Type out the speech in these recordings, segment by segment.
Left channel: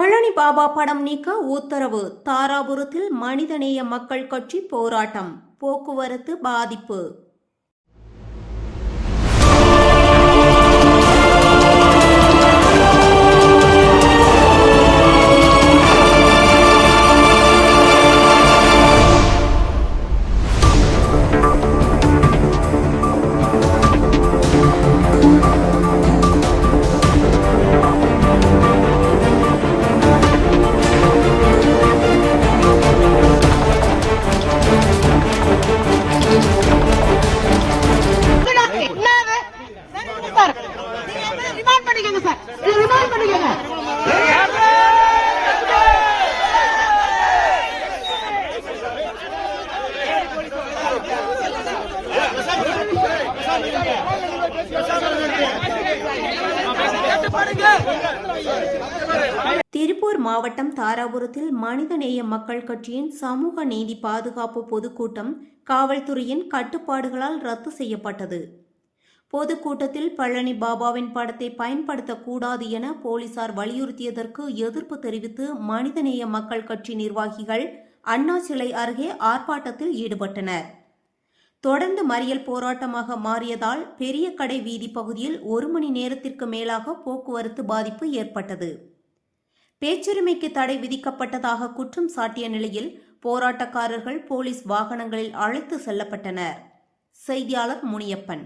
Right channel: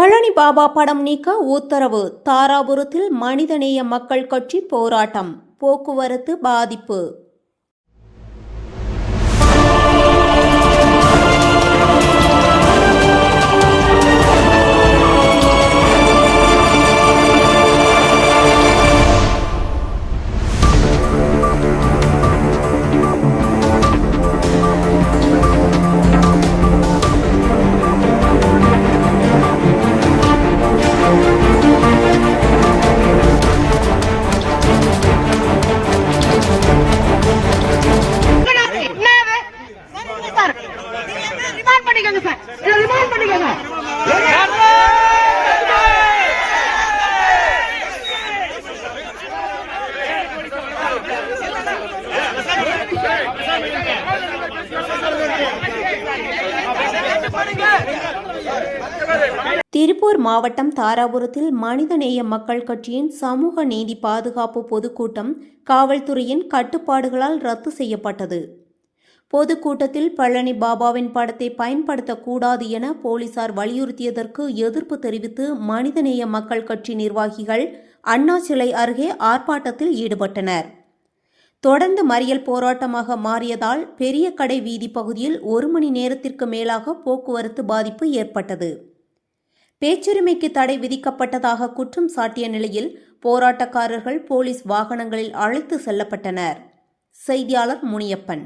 பழனி பாபா படம் நீக்க உத்தரவு. தாராபுரத்தில் மனிதநேய மக்கள் கட்சி போராட்டம். போக்குவரத்து பாதிப்பு. திருப்பூர் மாவட்டம் தாராபுரத்தில் மனிதநேய மக்கள் கட்சியின் சமூக நீதி பாதுகாப்பு பொதுக்கூட்டம் காவல்துறையின் கட்டுப்பாடுகளால் ரத்து செய்யப்பட்டது. பொதுக்கூட்டத்தில் பழனி பாபாவின் படத்தை பயன்படுத்தக்கூடாது என போலீசார் வலியுறுத்தியதற்கு எதிர்ப்பு தெரிவித்து மனிதநேய மக்கள் கட்சி நிர்வாகிகள் அண்ணா சிலை அருகே ஆர்ப்பாட்டத்தில் ஈடுபட்டனர். தொடர்ந்து மறியல் போராட்டமாக மாறியதால் பெரிய கடை வீதி பகுதியில் 1 மணி நேரத்திற்கு மேலாக போக்குவரத்து பாதிப்பு ஏற்பட்டது. பேச்சுரிமைக்கு தடை விதிக்கப்பட்டதாக குற்றம் சாட்டிய நிலையில் போராட்டக்காரர்கள் போலீஸ் வாகனங்களில் அழைத்து செல்லப்பட்டனர். செய்தியாளர் முனியப்பன்.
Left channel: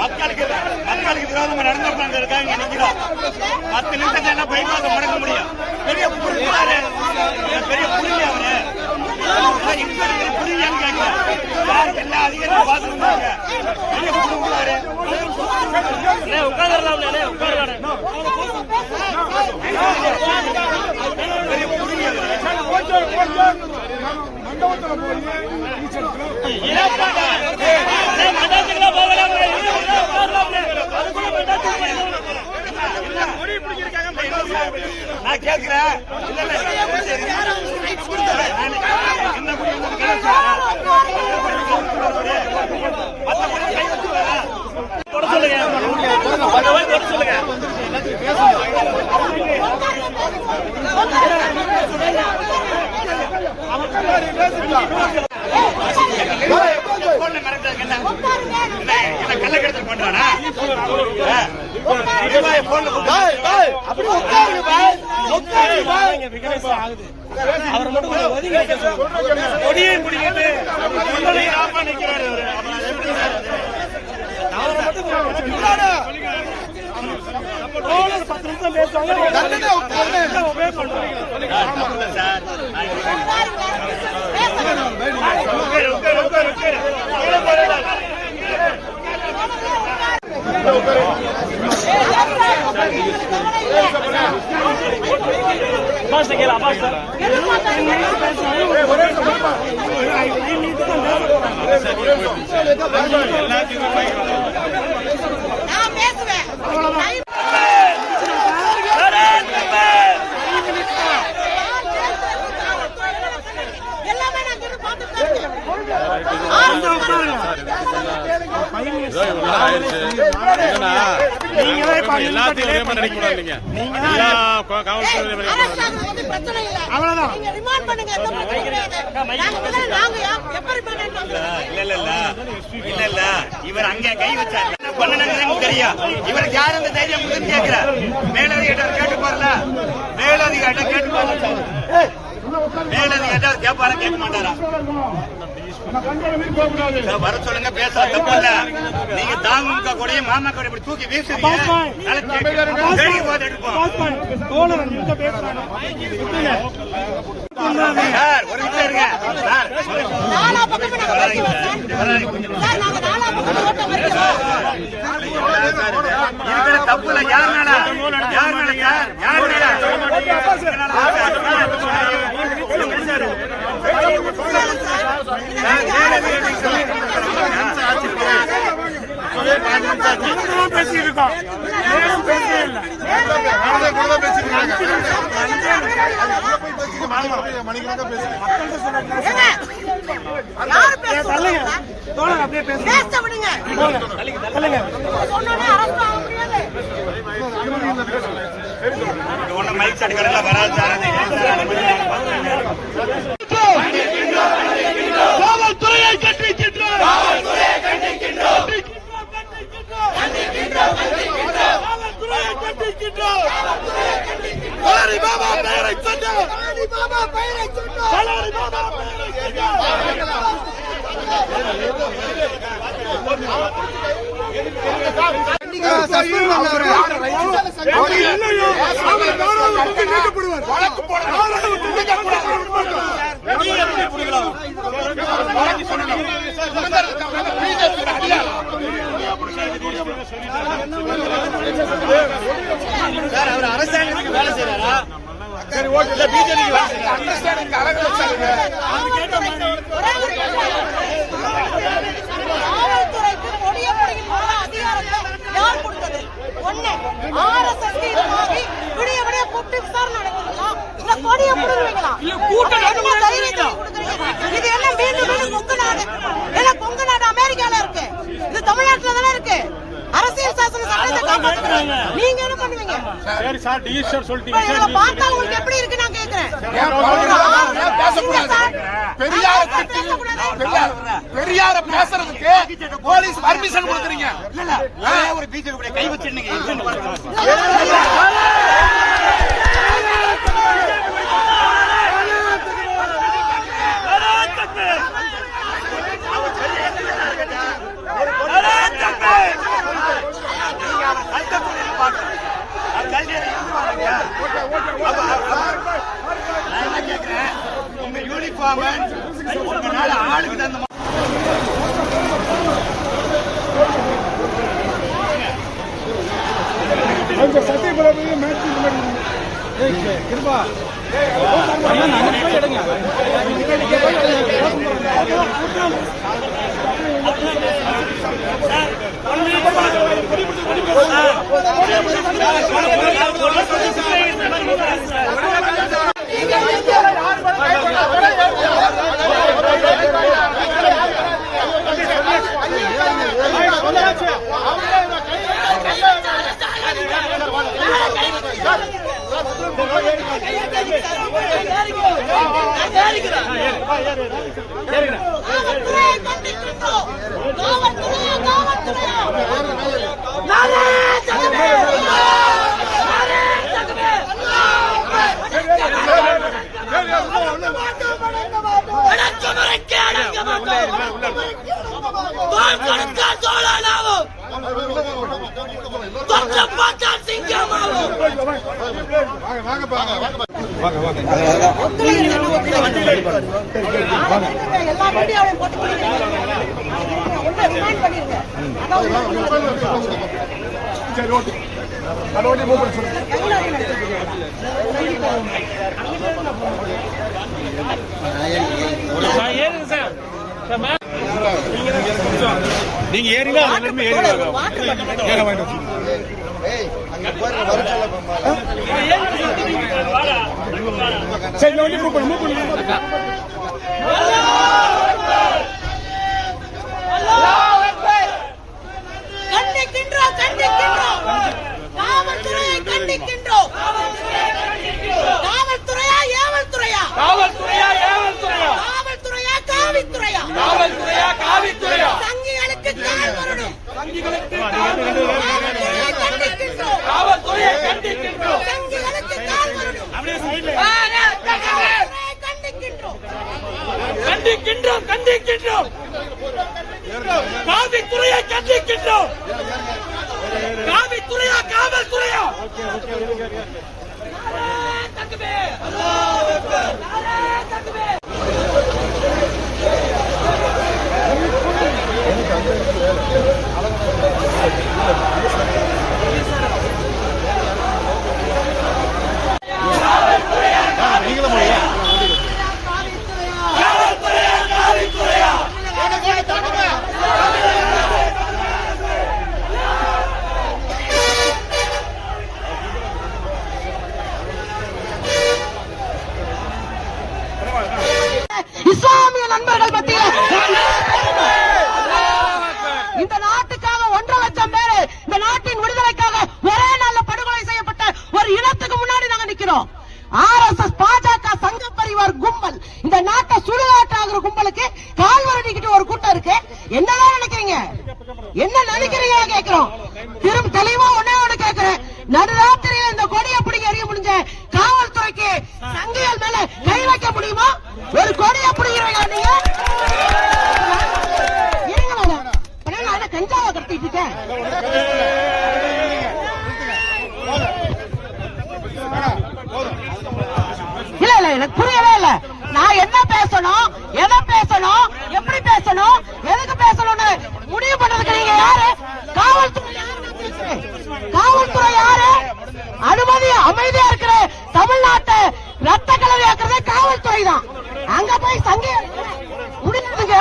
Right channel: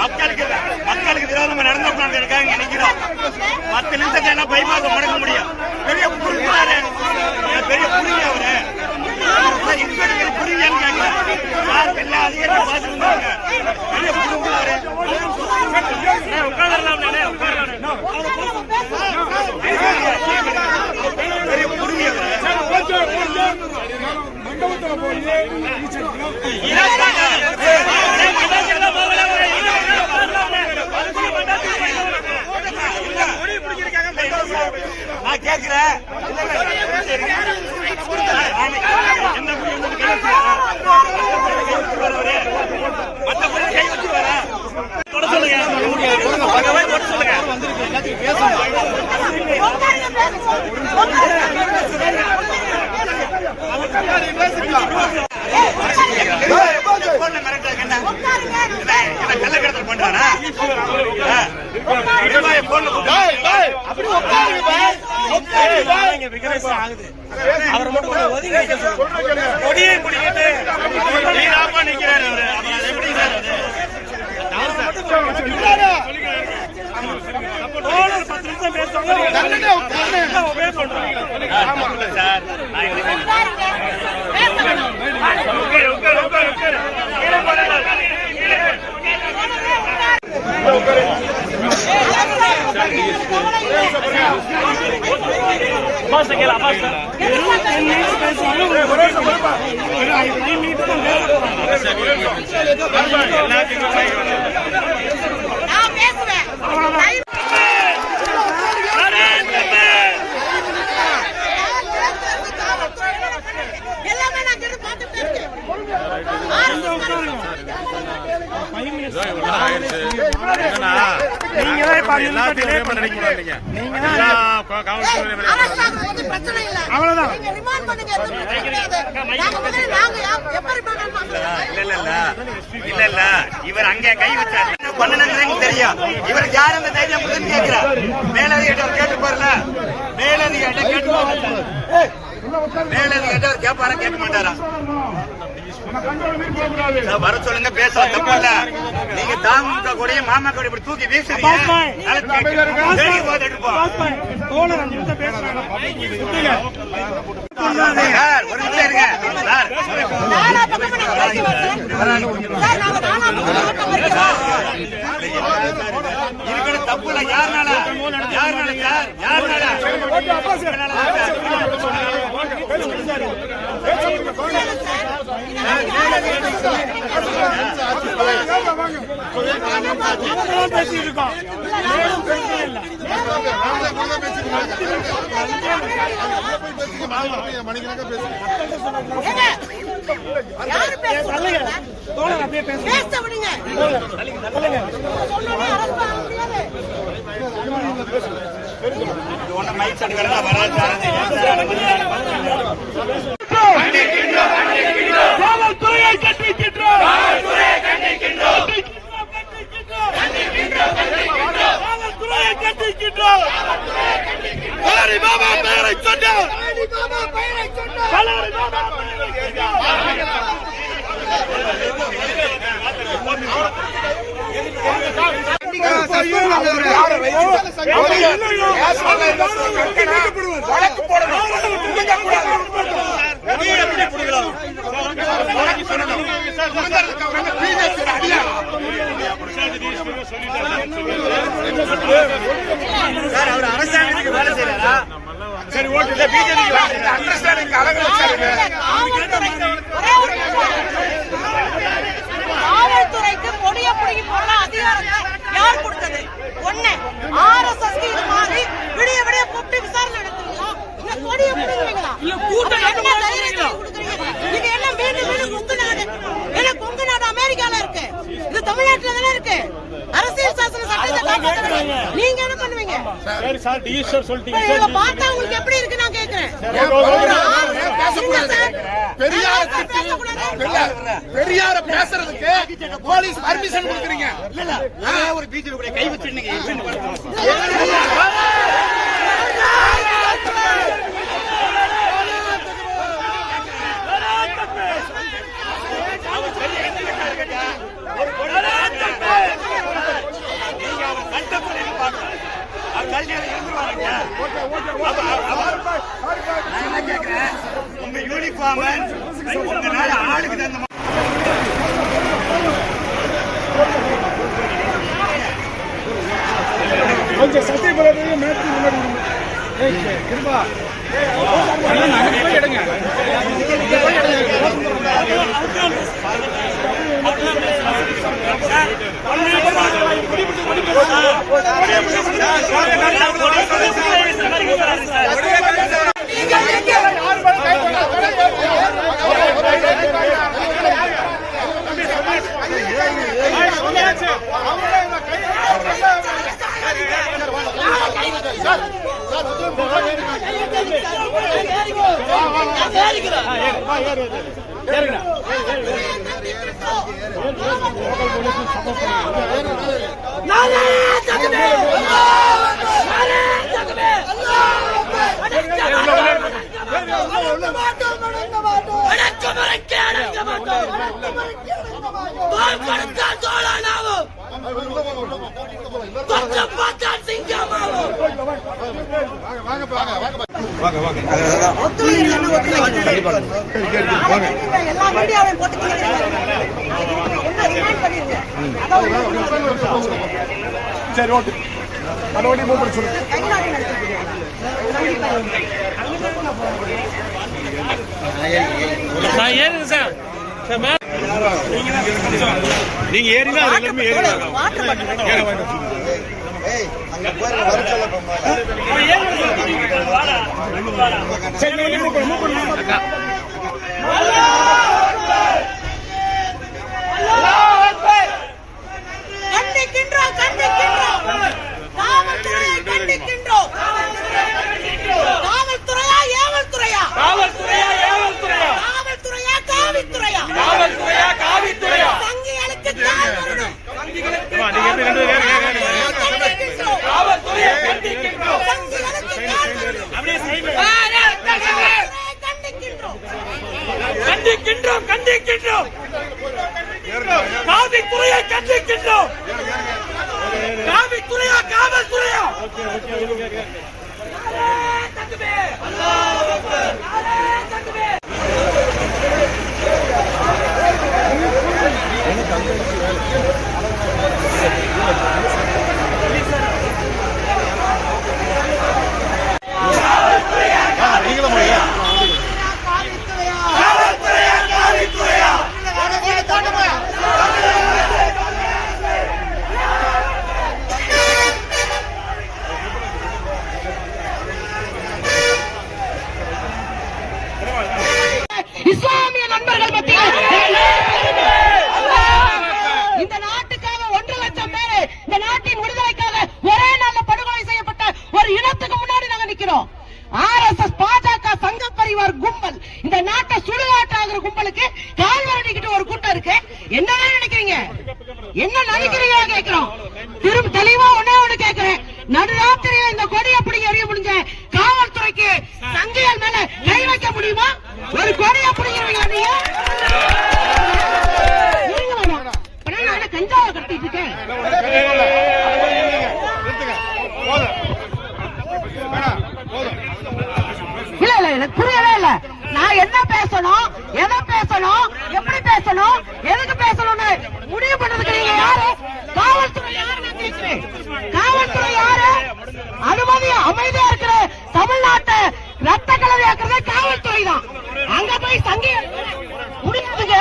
மக்களுக்கு விரோதமா நடந்து இருக்காங்க நினைக்கிறோம். 10 நிமிஷம் என்ன பைபாஸ் முடக்க முடியும்? பெரிய புரியாரு, பெரிய புரிய அவரு புரியாங்க. எல்லா அதிகாரியும் பார்த்து இருந்தாங்க. பெரிய புரிஞ்சாரு பெரிய புரிய நான் கேட்கிறேன். பேசுங்க. கள்ளக்கடத்தல் பண்றானா? அவர் மட்டும் கொடியை பிடிக்கிட்டு நிக்கிறாரு அவரு. எப்படி சார் அவரை மட்டும் 10 நிமிஷம் பேசுவாங்க. சார் நீங்க தான் இப்ப 5 நிமிஷம் டிலே பண்றீங்க. நீங்க தான் பிரச்சனை இல்ல. அவ்வளவுதான். நீங்க ரிமாண்ட் பண்ணுங்க. எந்த பிரச்சனையும் கிடையாது. நாங்க முதல்ல நாங்க எப்ப ரிமாண்ட் இல்ல இவர் அங்கே கை வச்சாரு பண்ணலன்னு தெரியும். இவருக்கு யார் அந்த தைரியம் முதல் கேட்கிற மேலதிகாரி கேட்டு பாருல. மேலதிகாரி கேட்டு பாருல. மேலதிகாரி கேட்பாரா கேட்க மாட்டாரா? வர சொல்லுங்க, பேச தப்பு இல்ல. நீங்க தாமுக கொடியும் மாமா கொடி இப்படி தூக்கி வீசுறீங்க. தோழர் 5 நிமிஷம் பேசுறாங்க. ஒரு நிமிஷம் இருங்க சார். நாலா பக்கமா நாங்க பேசி வரோம் சார். நாங்க நாலா பக்கமா ஓட்டம் வைக்கிறோம். இருக்கிற தப்பு இல்ல. யாருனால சார்? யாருனால பேசியிருக்கோம். மேலும் பேசவே இல்லை. யாரு பேசுறாங்க? தோழர் அப்படியே பேசுங்க. பேச விடுங்க. சொன்னோனே அரசு ஆக முடியாது. ஒன்னும் மைக் செட் கணக்கில் வராது சார். காவல்துறையை கண்டிக்கின்றோம். காவல்துறையை கண்டிக்கின்றோம். ஹரி பாபா பெயரை சொன்னார். சார் அவர் அரசாங்கத்துக்கு வேலை செய்யறாரா? சரி ஓகே. பிஜேபி அண்டர்ஸ்டாண்டிங் அழகு வச்சாருங்க. காவல்துறைக்கு கொடிய பிடிங்கி போடுற அதிகாரத்தை யார் கொடுத்தது? ஒண்ணு RSS இது மாதிரி விடிய விடிய கூப்பிட்டு விசாரணை நடத்துவீங்களா? இல்ல கொடிய பிடிங்குவீங்களா? என்ன தைரியத்தை கொடுக்குறீங்க? இது என்ன மீண்டும் மீண்டும் கொங்கு நாடு? ஏன்னா கொங்கு நாடு அமெரிக்கால இருக்கு, இது தமிழ்நாட்டுல தானே இருக்கு. அரசியல் சாசன சட்டத்தை காப்பாற்றுறீங்க. நீங்க என்ன பண்ணுவீங்க? இதை பார்த்தா உங்களுக்கு எப்படி இருக்கு நான் கேட்கிறேன். பெரியார பேசுறதுக்கு போலீஸ் பர்மிஷன் கொடுக்குறீங்க. ஒரு பிஜேபி கூட கை வச்சிருந்தீங்க. உங்க யூனிஃபார்ம் உங்களால ஆளுக்கு தந்த கொஞ்சம் சத்தியபுரத்துல மாற்றி முன்னாடி கிருபா எடுங்க. சரி எல்லா மீடியாவையும் போட்டு சரி ஓகே நீங்க ஏறினா எல்லாருமே கண்டிக்கின்றோம் கண்டிக்கின்றோம் காவல்துறையை கண்டிக்கின்றோம் காவல்துறையா ஏவல்துறையா காவல்துறையா ஏவல்துறையா காவல்துறையா காவித்துறையா காவல்துறையா காவித்துறையா சங்கிகளுக்கு கால் வரணும் கண்டிக்கின்றோம் காவல்துறையை கண்டிக்கின்றோம் சங்கிகளுக்கு கால் வரணும் கண்டிக்கின்றோம் கண்டிக்கின்றோம் கண்டிக்கின்றோம் காவித்துறையை கண்டிக்கின்றோம் காவித்துறையா காவல்துறையா இஸ்லாமிய நண்பர்கள் மத்தியில் இந்த நாட்டுக்காக 1.5 லட்சம் பேர் இந்த நாட்டின் விடுதலைக்காக ஒரே நாள்ல படுகொலை செய்யப்பட்ட ஒரு இனத்துக்கு முன்னாடி நாங்க நிக்கிறோம். RSS பாஜக சங்க பரிவார் கும்பல் இந்த நாட்டை சுடுகாட்டாகிற கும்பலுக்கு கால்வரடிக்கிட்டு ஒரு கூட்டம் இருக்கு. என்னதான் நினைக்கிறீங்க? என்ன நினைக்கிறீங்க கேட்கிறோம். திரும்ப தெளிவா ஒண்ணு கேட்கிறேன். நடுராத்திரியில இந்த கொடியை பிடிங்க எறிய முடிஞ்ச காவல்துறைக்கு சங்கையால் மேல கை வைக்க முடியுமா? ஒரு கொடியை பிடிக்கிறீங்க நீங்க கஞ்சாவை கட்டிட்டு இருக்கேன். இல்ல இல்ல எனக்கு புரியவே இல்ல. நான் என்ன பேசணும், எதை பேசணும், எப்படி பேசணும், எதுக்கு பேசணும்னு முடிவு பண்றதுக்கு நீங்க யாரு? காவல்துறை யாரு? காவல்துறை யாரு? அனுமதி அமைதியா இருக்கிற தமிழ்நாட்டை ரத்த கலவையாக்குறது காவல்துறை தான். அங்க போய் சங்கி முடியாதுங்க.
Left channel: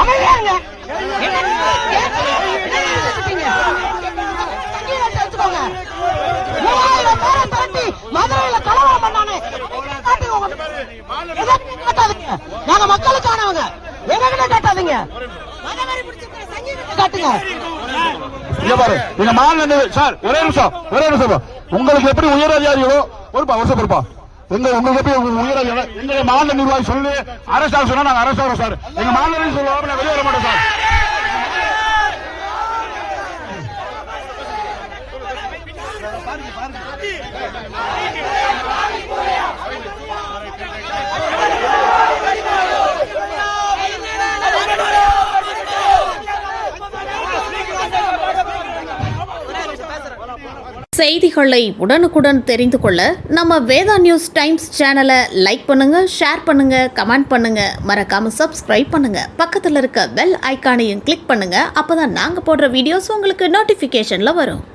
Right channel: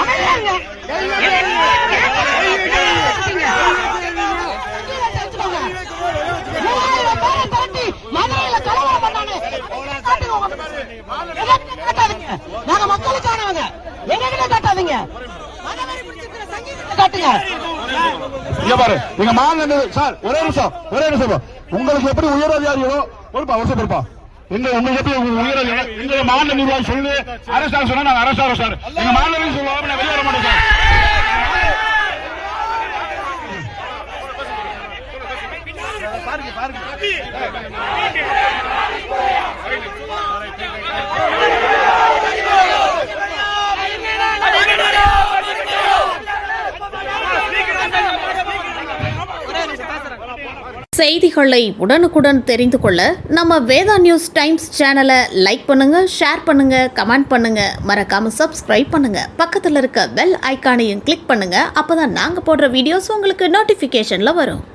அமைதியாங்க. மதுரையில கலவரம் பண்ணானே காட்டாதீங்க. நாங்க மக்களுக்கானவங்க. எங்ககிட்ட காட்டாதீங்க. காட்டுங்க. எங்க மாநில சார் ஒரே நிமிஷம் உங்களுக்கு எப்படி உயர் அதிகாரிகளோ பொறுப்பா வருஷம் பொறுப்பா உங்களுக்கு எப்படி உயர் எங்க மாநில நிர்வாகி சொல்லி அரசாக சொன்னா நாங்க அரசாக சார் எங்க மாநில சொல்லுவாங்க நான் வெளியே வர மாட்டோம் சார். செய்திகளை உடனுக்குடன் தெரிந்து கொள்ள நம்ம வேதா நியூஸ் டைம்ஸ் சேனலை லைக் பண்ணுங்க, ஷேர் பண்ணுங்க, கமெண்ட் பண்ணுங்க, மறக்காம சப்ஸ்கிரைப் பண்ணுங்க. பக்கத்தில் இருக்க பெல் ஐகானையும் கிளிக் பண்ணுங்க. அப்பதான் நாங்க போடுற வீடியோஸ் உங்களுக்கு நோட்டிபிகேஷன்ல வரும்.